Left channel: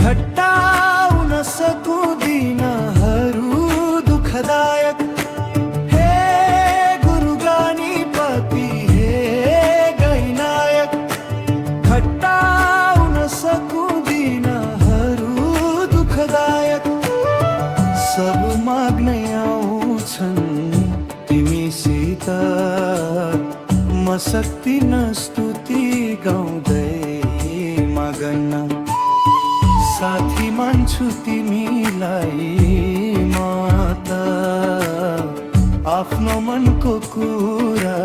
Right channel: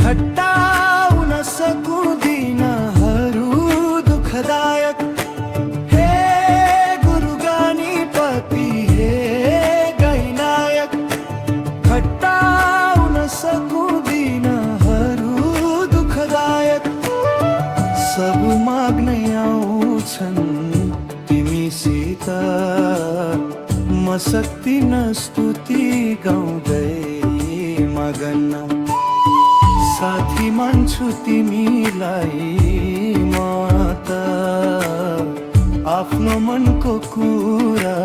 घटाउन सकुदिनहरू दुःखदायक। हे गुरु गणपति हे गैनायक, घटाउन सकुदिनहरू दुःखदायक। सब माग्नै आउँछन् तिमीसित, म सक्दिन स्तुति गाउँदै मगन। साथी मान्छु तिमीलाई म त, आफ्नो मनको कुरा